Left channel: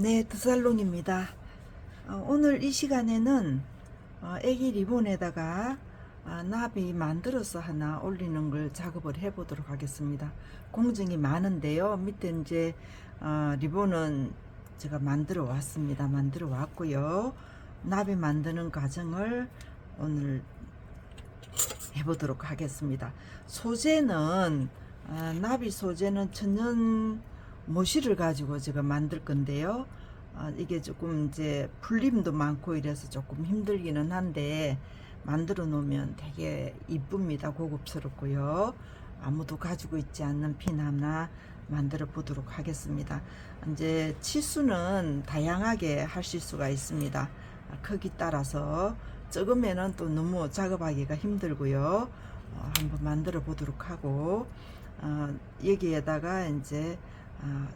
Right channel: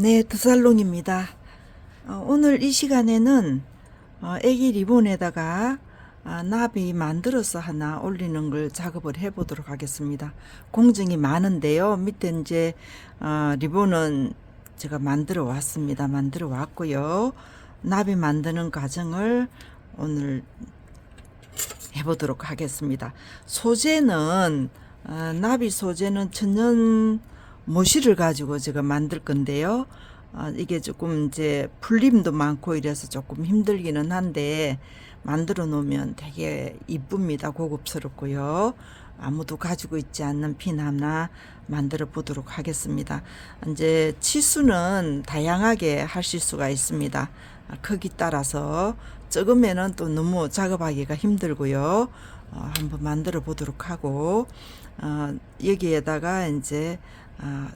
네, 드살롱입니다. 어, 오늘 이 시간에는 어, 애기 리본에다가 아, 나비 만들어서 하나 올리는 걸 작업을 해보도록 하겠습니다. 공정이 많은데요. 밑에 이제 어, 리본은 제가 만들어 왔습니다. 만들어 왔고요. 나비 만드는 과정을 오늘 해보도록 하겠습니다. 소재는 어, 나비 소재는 천연 모시를 가지고 제가 만들 건데요. 어, 이게 조금 이제 풀림도 많고 이래서 조금 힘들기는 한데 만들어 놓으면 되게 이쁩니다. 고급스럽고요. 아무도 가지고 있지 않는 핀 하나 만들어 보도록 하겠습니다. 이제 치수는 다양하게 하실 수가 있습니다. 아, 크기 따라서 적으면은 또 너무 작업하기가 힘들고요. 어, 한번 만들어 보도록 하고 어, 여기에다가 이제 어,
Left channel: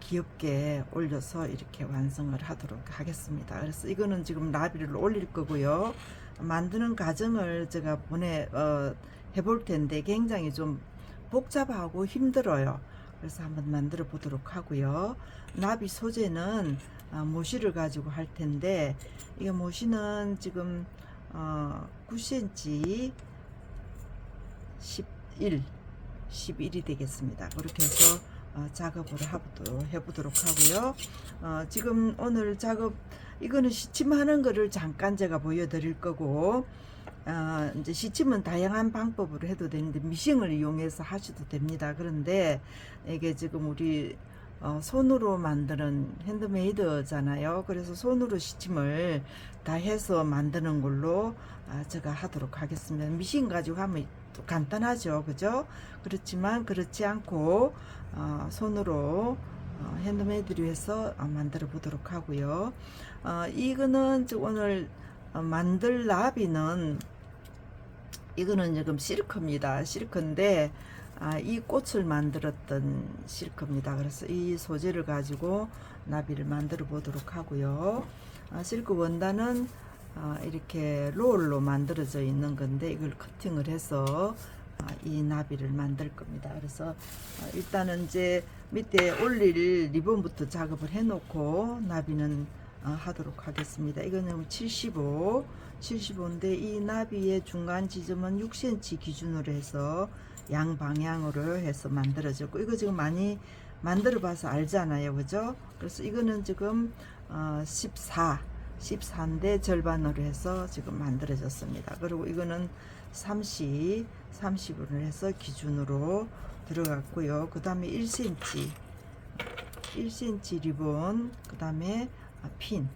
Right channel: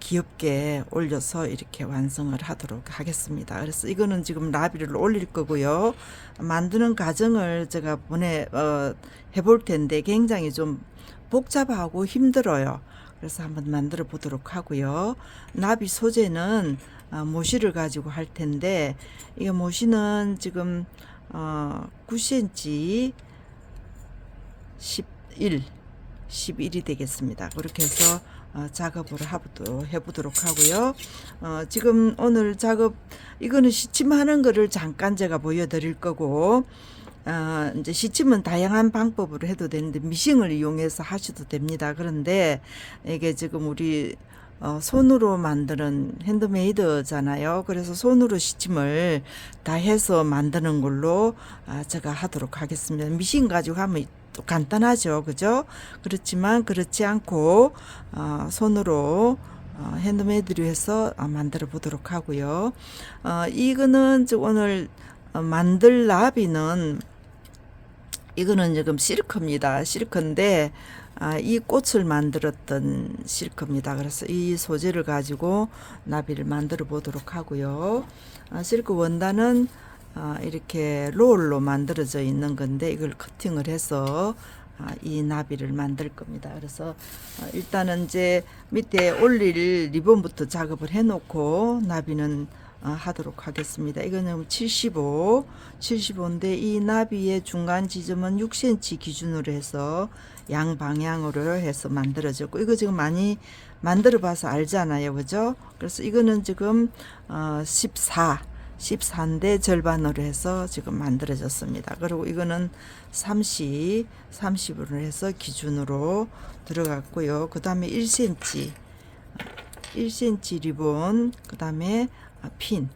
귀엽게 올려서 이렇게 완성을 하도록 하겠습니다. 그래서 이거는 지금 나비를 올릴 거고요. 만드는 과정을 제가 보내 어, 해볼 텐데 굉장히 좀 복잡하고 힘들어요. 그래서 한번 만들어 보도록 하고요. 나비 소재는 어, 모시를 가지고 할 텐데 이 모시는 지금 어, 9cm 11 11이 되겠습니다. 그렇게 해서 어, 작업을 하도 해보도록 하고요. 어, 지금 오늘 작업 이거는 시침하는 거를 잠깐 제가 보여드릴 거고 어, 이제 시침은 다양한 방법으로 해도 되는데 미싱을 이용해서 하셔도 됩니다. 그런데 이게 지금 우리 어, 손으로 만드는 핸드메이드잖아요. 그래서 손으로 시침을 다 해서 만드는 걸로 아, 제가 하도록 하겠습니다. 미싱 가지고 하면 또 간단하죠. 그죠? 그렇지만 그렇지 않고 어, 손으로 어, 핸드메이드로 해서 어, 만들어 보도록 하고요. 어, 이거는 저 오늘 어, 만들 나비는 이거는 지금 실크입니다. 실크인데 아, 이 꽃을 만들었던 실크입니다. 그래서 이 소재를 가지고 나비를 만들어 보도록 하고요. 아, 실크 원단은 아, 이렇게 롤로 만들어져 있는 건데 이걸 커팅을 해서 아, 이 나비를 만들 겁니다. 그래서 어, 일단은 이제 밑에 올릴 리본부터 작업을 해놓고 나비는 어, 하도록 하겠습니다. 이거는 75, 75인데 이 나비의 중간 지점은 6cm 기준으로 해서 양 방향으로 해서 만들어졌고 이거 지금 많이 만들어 봐서 알잖아요. 그죠? 그래서 이거는 지금 어, 14 14인데 절반으로 해서 지금 만들어졌습니다. 그리고 이거는 30, 30으로 해서 기준으로 들어갔고요. 그 다음에 1cm, 1cm 리본, 그 다음에 핀.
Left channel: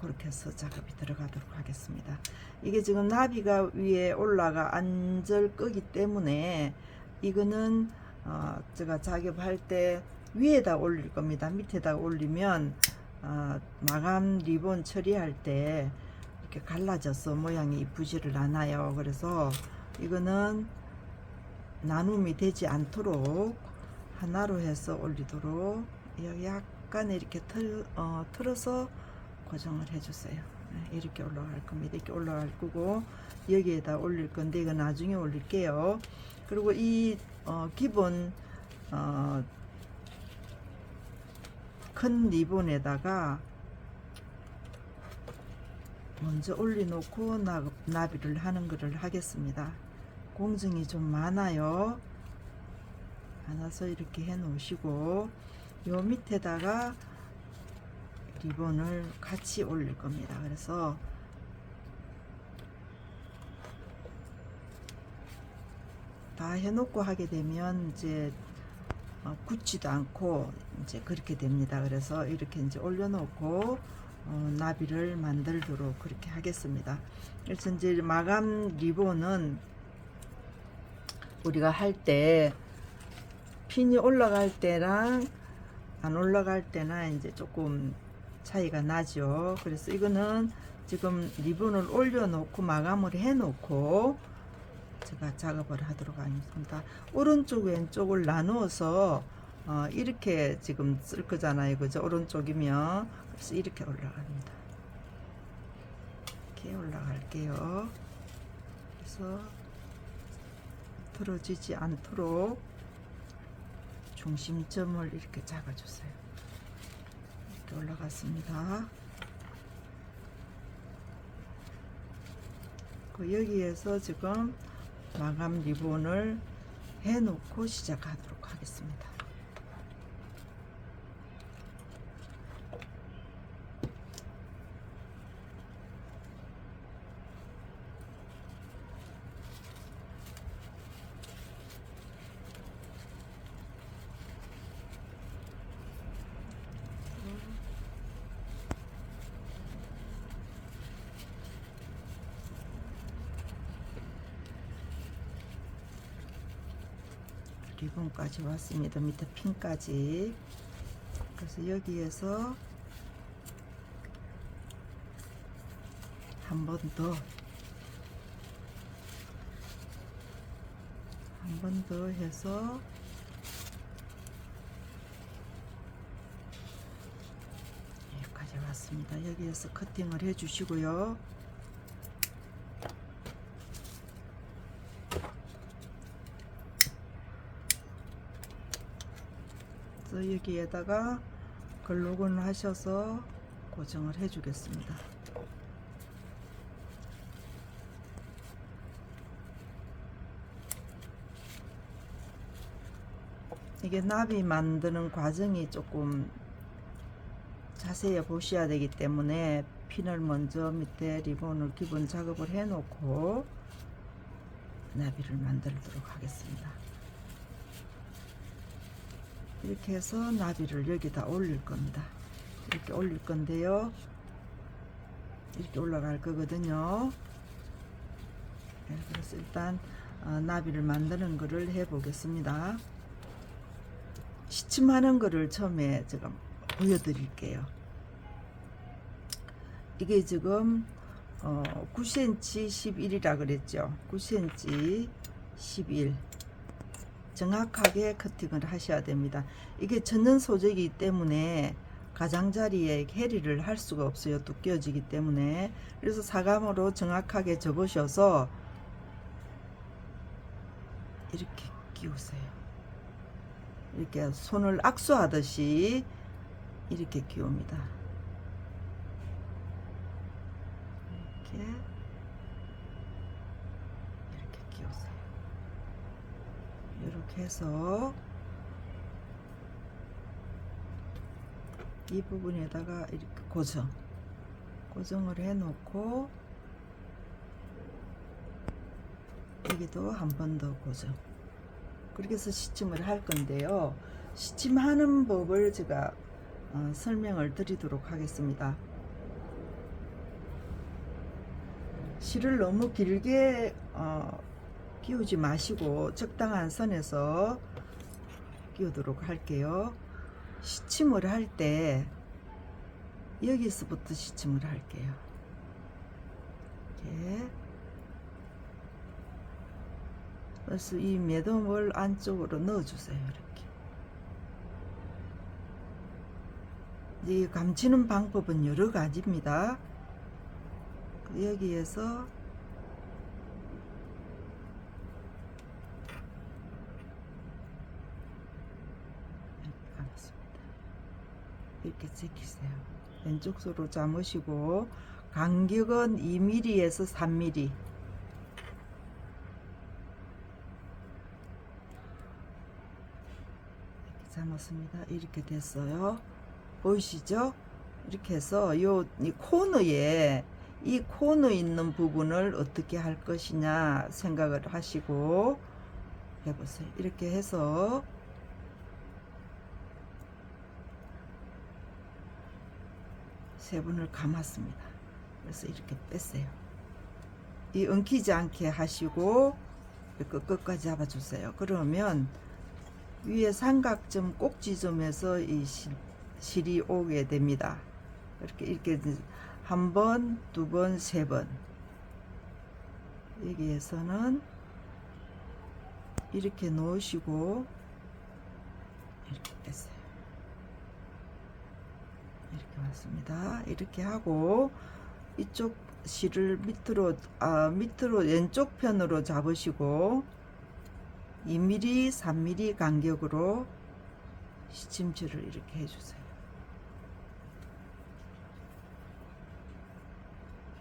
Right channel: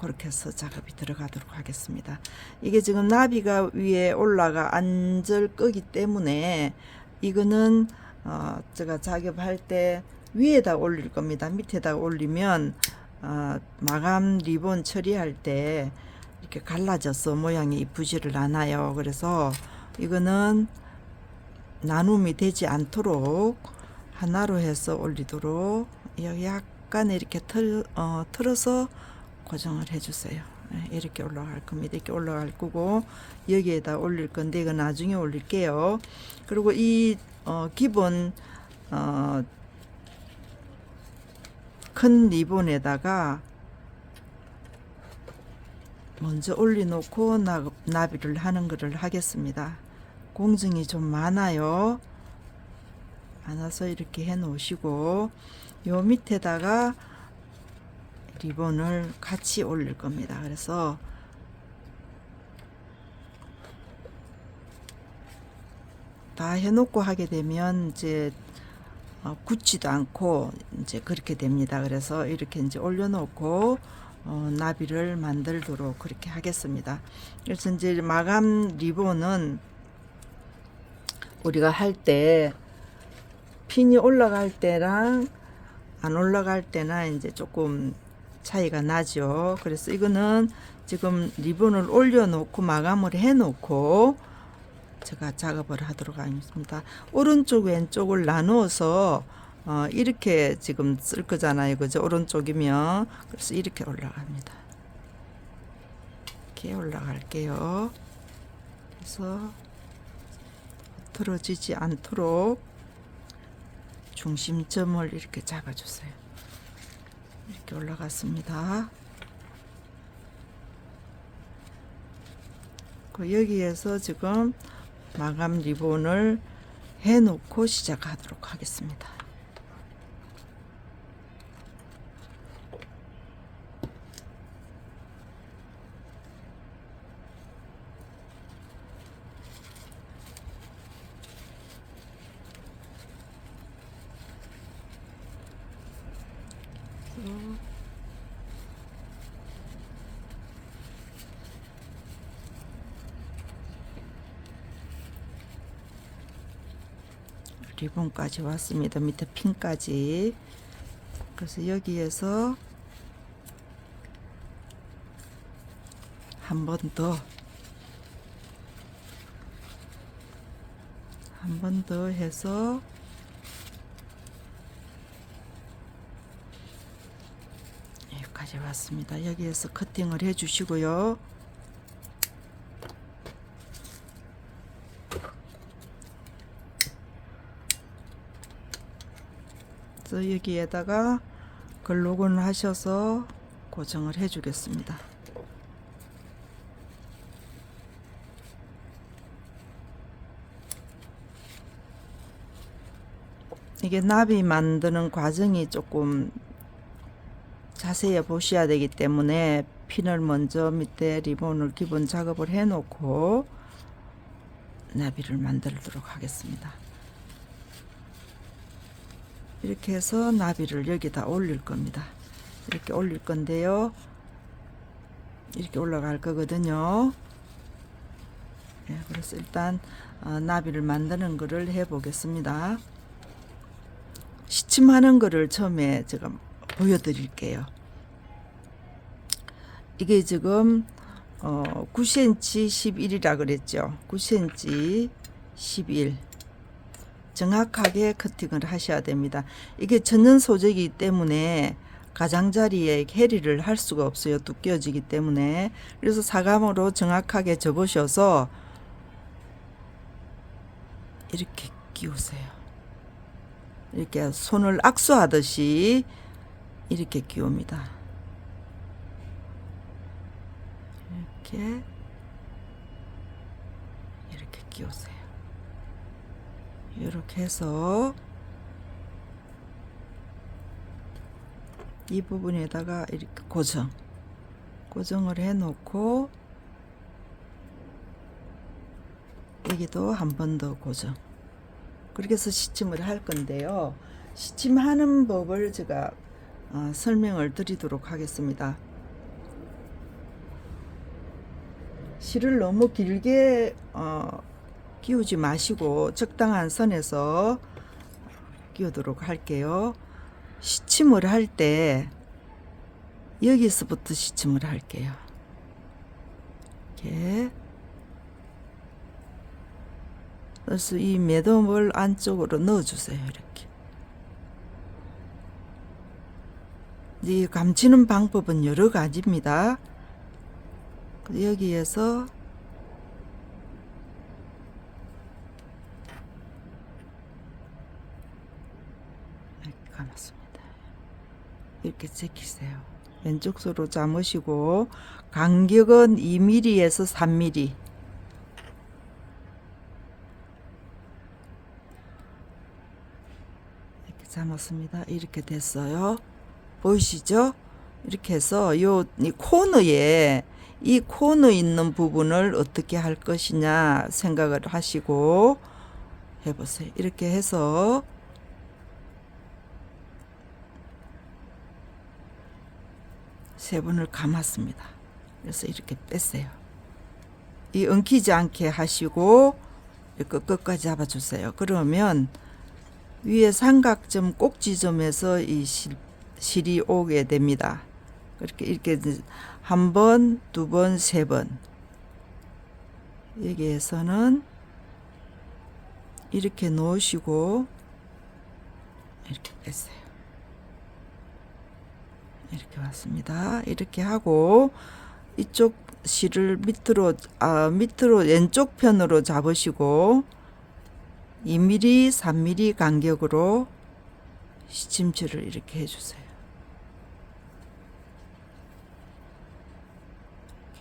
그렇게 해서 작업이 들어가도록 하겠습니다. 이게 지금 나비가 위에 올라가 앉을 거기 때문에 이거는 어 제가 작업할 때 위에다 올릴 겁니다. 밑에다 올리면 어 마감 리본 처리할 때 이렇게 갈라져서 모양이 이쁘지를 않아요. 그래서 이거는 나눔이 되지 않도록 하나로 해서 올리도록 약간 이렇게 틀, 어, 틀어서 고정을 해주세요. 네, 이렇게 올라갈 겁니다. 이렇게 올라갈 거고 여기에다 올릴 건데 이거 나중에 올릴게요. 그리고 이 어, 기본 어, 큰 리본에다가 먼저 올려놓고 나, 나비를 하는 것을 하겠습니다. 공증이 좀 많아요. 많아서 이렇게 해 놓으시고 요 밑에다가 리본을 같이 올릴 겁니다. 그래서 다 해놓고 하게 되면 이제 어, 굳지도 않고 이제 그렇게 됩니다. 그래서 이렇게 이제 올려놓고 어, 나비를 만들도록 그렇게 하겠습니다. 그래서 이제 마감 리본은 우리가 할 때 핀이 올라갈 때랑 안 올라갈 때나 이제 조금 차이가 나죠. 그래서 이거는 지금 리본을 올려놓고 마감을 해놓고 제가 작업을 하도록 하겠습니다. 오른쪽 왼쪽을 나누어서 어, 이렇게 지금 쓸 거잖아요. 그죠? 오른쪽이면 그래서 이렇게 올라갑니다. 이렇게 올라갈게요. 그래서 틀어지지 않도록 중심점을 이렇게 잡아주세요. 이렇게 올라갔습니다. 그 여기에서 지금 마감 리본을 해놓고 시작하도록 하겠습니다. 리본까지 왔습니다. 밑에 핀까지. 그래서 여기에서 한 번 더, 한 번 더 해서 여기까지 왔습니다. 여기에서 커팅을 해 주시고요. 그래서 여기에다가 글루건을 하셔서 고정을 해 주겠습니다. 이게 나비 만드는 과정이 조금 자세히 보셔야 되기 때문에 핀을 먼저 밑에 리본을 기본 작업을 해 놓고 나비를 만들도록 하겠습니다. 이렇게 해서 나비를 여기다 올릴 겁니다. 이렇게 올릴 건데요. 이렇게 올라갈 거거든요. 예, 그래서 일단 어, 나비를 만드는 거를 해 보겠습니다. 시침하는 거를 처음에 제가 보여드릴게요. 이게 지금 어, 9cm 11이라 그랬죠. 9cm 11. 정확하게 커팅을 하셔야 됩니다. 이게 천연 소재이기 때문에 가장자리에 해리를 할 수가 없어요. 두께어지기 때문에. 그래서 사감으로 정확하게 접으셔서 이렇게 끼우세요. 이렇게 손을 악수하듯이 이렇게 끼웁니다. 이렇게 이렇게 끼우세요. 이렇게 해서 이 부분에다가 이렇게 고정. 고정을 해 놓고 여기도 한 번 더 고정. 그렇게 해서 시침을 할 건데요. 시침하는 법을 제가 어, 설명을 드리도록 하겠습니다. 실을 너무 길게 어, 끼우지 마시고 적당한 선에서 끼우도록 할게요. 시침을 할 때 여기서부터 시침을 할게요. 이렇게 그래서 이 매듭을 안쪽으로 넣어주세요. 이렇게. 이 감치는 방법은 여러 가지입니다. 여기에서 이렇게 감았습니다. 이렇게 제끼세요. 왼쪽 손으로 잡으시고 간격은 2mm에서 3mm. 이렇게 잡았습니다. 이렇게 됐어요. 보이시죠? 이렇게 해서 요 이 코너에 이 코너 있는 부분을 어떻게 할 것이냐 생각을 하시고 해보세요. 이렇게 해서 세 번을 감았습니다. 그래서 이렇게 뺐어요. 이 엉키지 않게 하시고 끝까지 잡아주세요. 그러면 위에 삼각점 꼭지점에서 이 실, 실이 오게 됩니다. 그렇게 이렇게 한 번, 두 번, 세 번. 여기에서는 이렇게 놓으시고 이렇게 뺐어요. 이렇게 왔습니다. 이렇게 하고 이쪽 실을 밑으로 아 밑으로 왼쪽 편으로 잡으시고 2mm, 3mm 간격으로 시침줄을 이렇게 해주세요.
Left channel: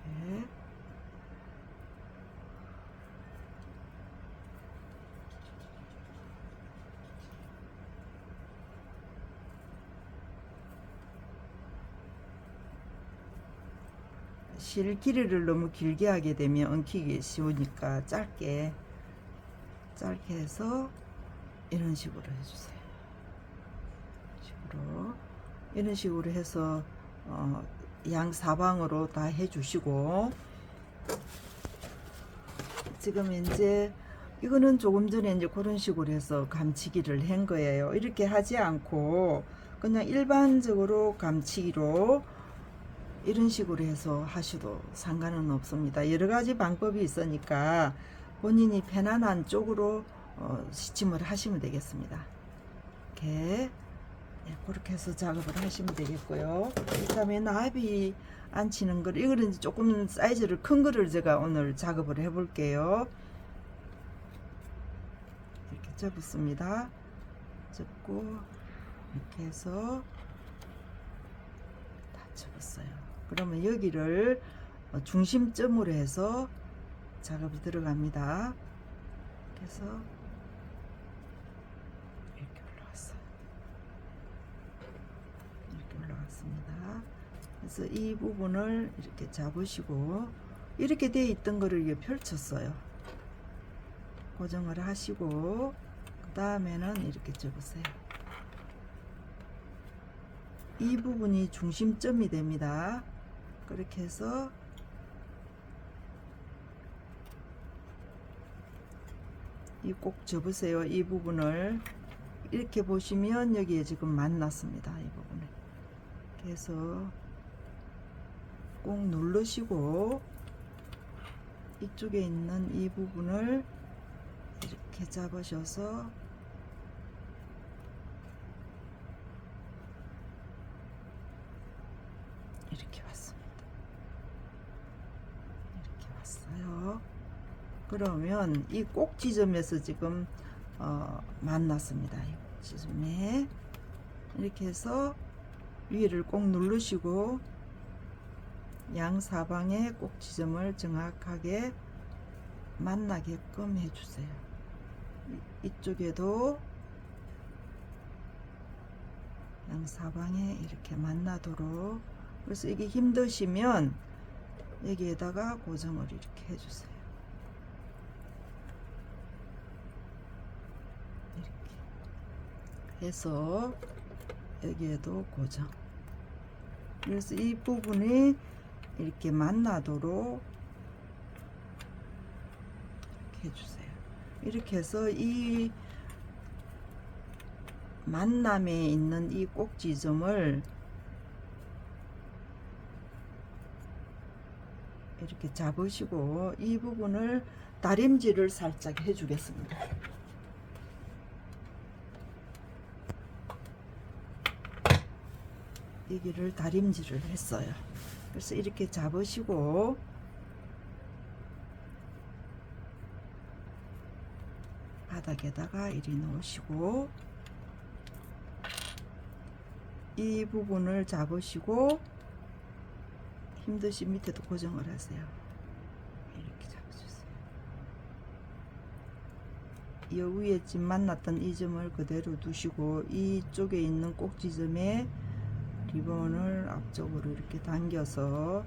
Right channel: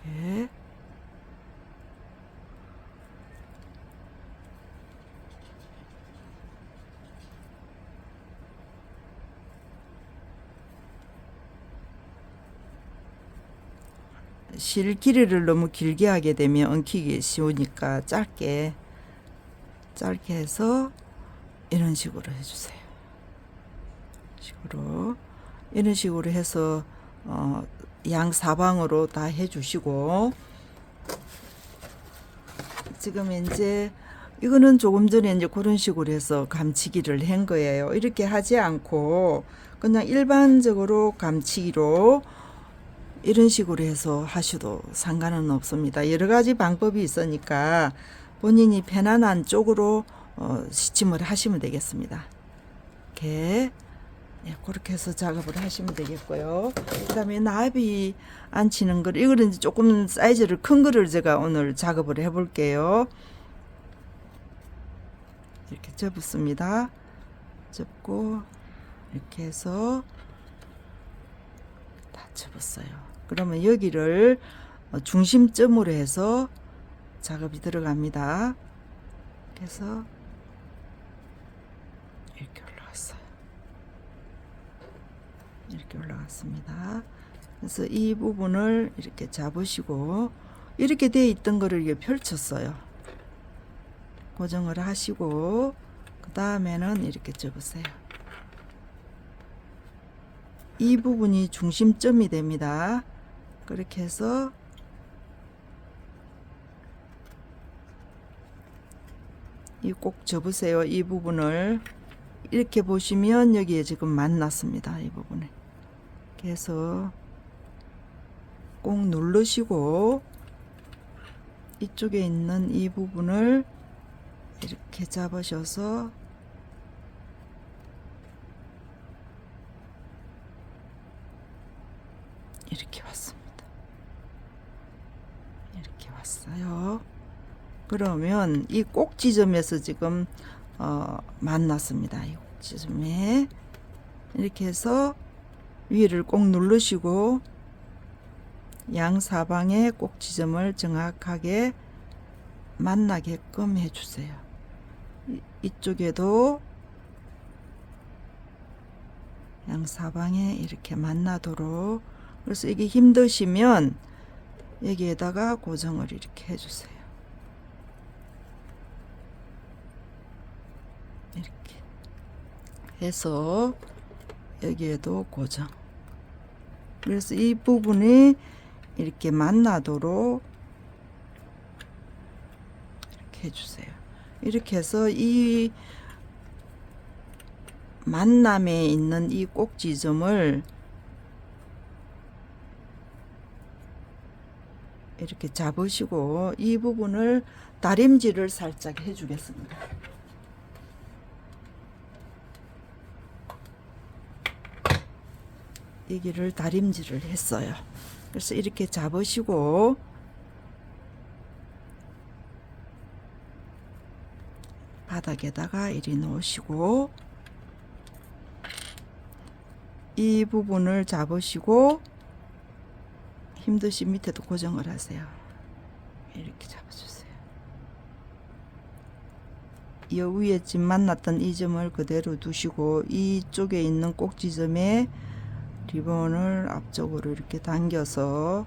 이렇게 실 길이를 너무 길게 하게 되면 엉키기 쉬우니까 짧게 짧게 해서 이런 식으로 해주세요. 식으로 이런 식으로 해서 어, 양 사방으로 다 해주시고 지금 이제 이거는 조금 전에 이제 그런 식으로 해서 감치기를 한 거예요. 이렇게 하지 않고 그냥 일반적으로 감치기로 이런 식으로 해서 하셔도 상관은 없습니다. 여러 가지 방법이 있으니까 본인이 편안한 쪽으로 어, 시침을 하시면 되겠습니다. 이렇게 예, 그렇게 해서 작업을 하시면 되겠고요. 그다음에 나비 앉히는 걸 이거는 조금 사이즈를 큰 거를 제가 오늘 작업을 해볼게요. 이렇게 접었습니다. 접고 이렇게 해서 다 접었어요. 그러면 여기를 어, 중심점으로 해서 작업이 들어갑니다. 그래서 이렇게 올라왔어요. 이렇게 올라왔습니다. 그래서 이 부분을 이렇게 잡으시고 이렇게 돼 있던 거를 이게 펼쳤어요. 고정을 하시고 그 다음에는 이렇게 접으세요. 이 부분이 중심점이 됩니다. 그렇게 해서 이 꼭 접으세요. 이 부분을 이렇게 보시면 여기에 지금 만났습니다. 이 부분에. 그래서 꼭 누르시고 이쪽에 있는 이 부분을 이렇게 잡으셔서 이렇게 왔습니다. 왔어요. 그러면 이 꼭지점에서 지금 어, 만났습니다. 이 꼭지점에 이렇게 해서 위를 꼭 누르시고 양 사방의 꼭지점을 정확하게 만나게끔 해주세요. 이- 이쪽에도 양 사방에 이렇게 만나도록 그래서 이게 힘드시면 여기에다가 고정을 이렇게 해주세요. 이렇게 해서 여기에도 고정. 그래서 이 부분이 이렇게 만나도록 이렇게 해주세요. 이렇게 해서 이 만남에 있는 이 꼭지점을 이렇게 잡으시고 이 부분을 다림질을 살짝 해주겠습니다. 여기를 다림질을 했어요. 그래서 이렇게 잡으시고 바닥에다가 이리 놓으시고 이 부분을 잡으시고 힘드시 밑에도 고정을 하세요. 이렇게 잡아주세요. 이 위에 집 만났던 이 점을 그대로 두시고 이쪽에 있는 꼭지점에 리본을 앞쪽으로 이렇게 당겨서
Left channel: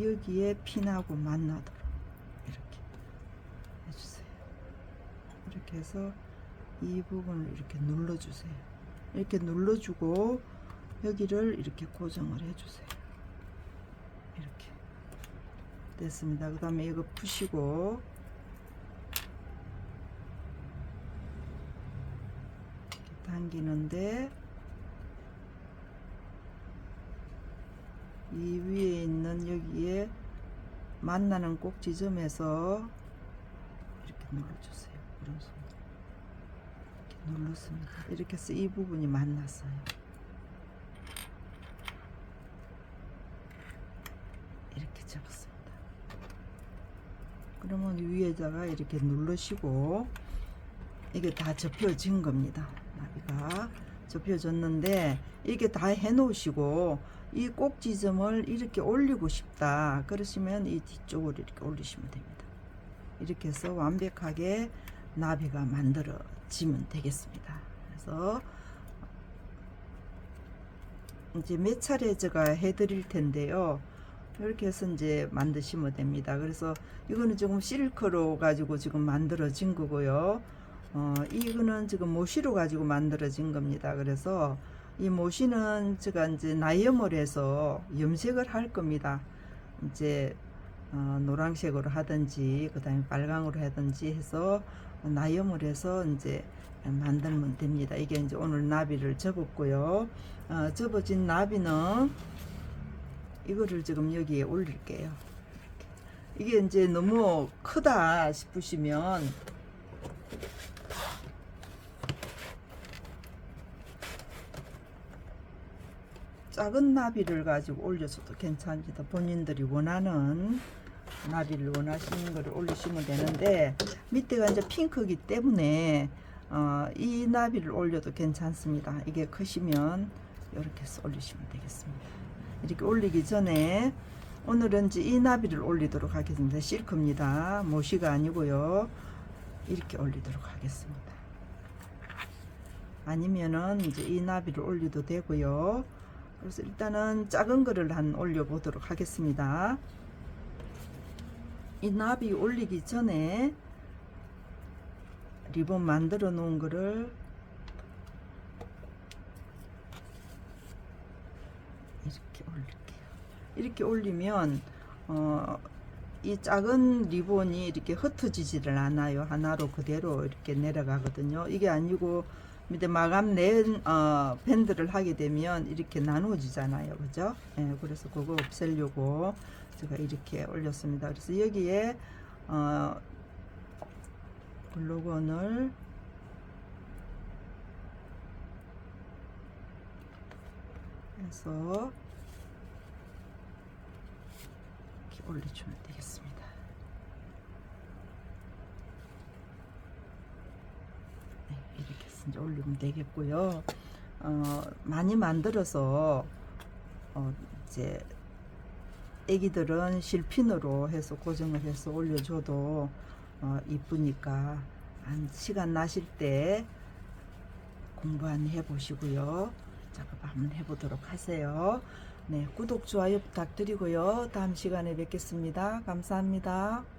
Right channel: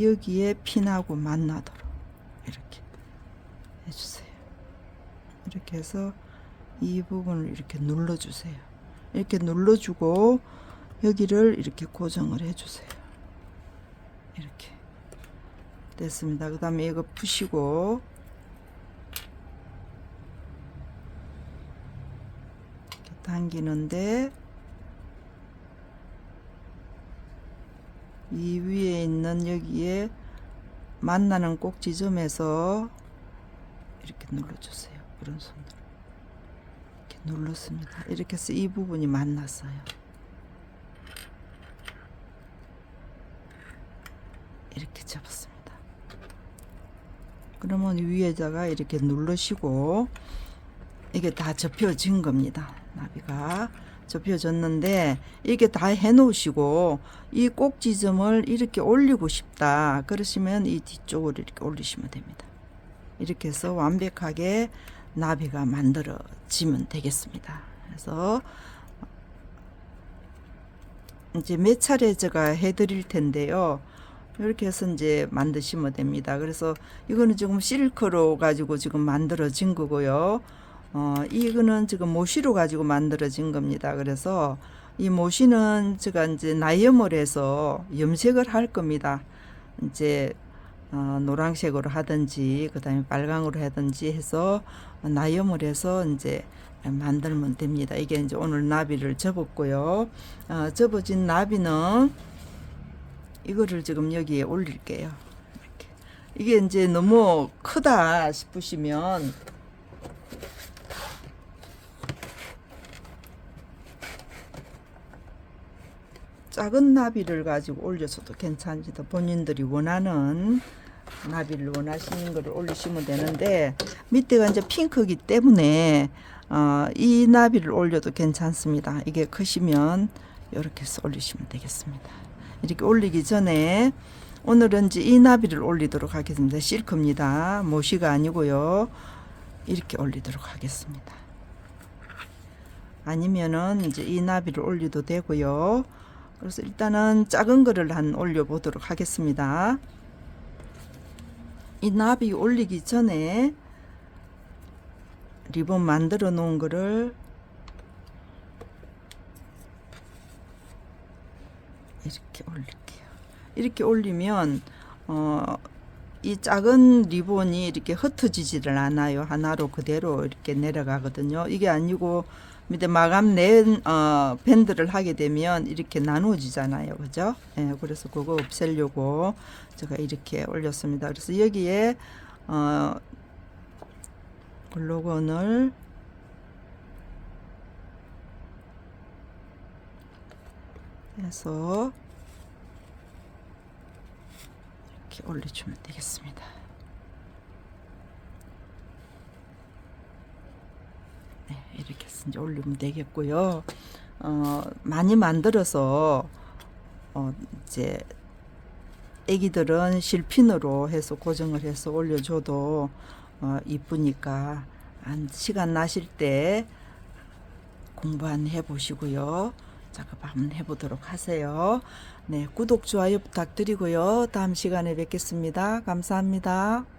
여기에 핀하고 만나도록 이렇게 해주세요. 이렇게 해서 이 부분을 이렇게 눌러주세요. 이렇게 눌러주고 여기를 이렇게 고정을 해주세요. 이렇게 됐습니다. 그 다음에 이거 푸시고 당기는데 이 위에 있는 여기에 만나는 꼭 지점에서 이렇게 눌러주세요. 그런 손으로 이렇게 눌렀습니다. 이렇게 해서 이 부분이 만났어요. 이렇게 잡았습니다. 그러면 위에다가 이렇게 누르시고 이게 다 접혀진 겁니다. 나비가 접혀졌는데 이렇게 다 해놓으시고 이 꼭지점을 이렇게 올리고 싶다 그러시면 이 뒤쪽으로 이렇게 올리시면 됩니다. 이렇게 해서 완벽하게 나비가 만들어지면 되겠습니다. 그래서 이제 몇 차례 제가 해드릴 텐데요. 이렇게 해서 이제 만드시면 됩니다. 그래서 이거는 지금 실크로 가지고 지금 만들어진 거고요. 어, 이거는 지금 모시로 가지고 만들어진 겁니다. 그래서 이 모시는 제가 이제 나염을 해서 염색을 할 겁니다. 이제 어, 노란색으로 하든지 그다음에 빨강으로 하든지 해서 나염을 해서 이제 만들면 됩니다. 이게 이제 오늘 나비를 접었고요. 어, 접어진 나비는 이거를 지금 여기에 올릴게요. 이게 이제 너무 크다 싶으시면 작은 나비를 가지고 올려서도 괜찮습니다. 본인들이 원하는 나비를 원하시는 거를 올리시면 되는데 밑에가 이제 핑크기 때문에 어, 이 나비를 올려도 괜찮습니다. 이게 크시면 이렇게 해서 올리시면 되겠습니다. 이렇게 올리기 전에 오늘은 이제 이 나비를 올리도록 하겠습니다. 실크입니다. 모시가 아니고요. 이렇게 올리도록 하겠습니다. 아니면은 이제 이 나비를 올려도 되고요. 그래서 일단은 작은 거를 한 올려 보도록 하겠습니다. 이 나비 올리기 전에 리본 만들어 놓은 거를 이렇게 올릴게요. 이렇게 올리면 어, 이 작은 리본이 이렇게 흩어지지를 않아요. 하나로 그대로 이렇게 내려가거든요. 이게 아니고 밑에 마감 낸 어, 밴드를 하게 되면 이렇게 나누어지잖아요. 그죠? 예, 그래서 그거 없애려고 제가 이렇게 올렸습니다. 그래서 여기에 어, 글로건을 해서 이렇게 올려주면 되겠습니다. 네, 이렇게 이제 올리면 되겠고요. 어, 많이 만들어서 어, 이제 애기들은 실핀으로 해서 고정을 해서 올려줘도 어, 이쁘니까 한 시간 나실 때 공부 한번 해보시고요. 작업 한번 해보도록 하세요. 네, 구독, 좋아요 부탁드리고요. 다음 시간에 뵙겠습니다. 감사합니다.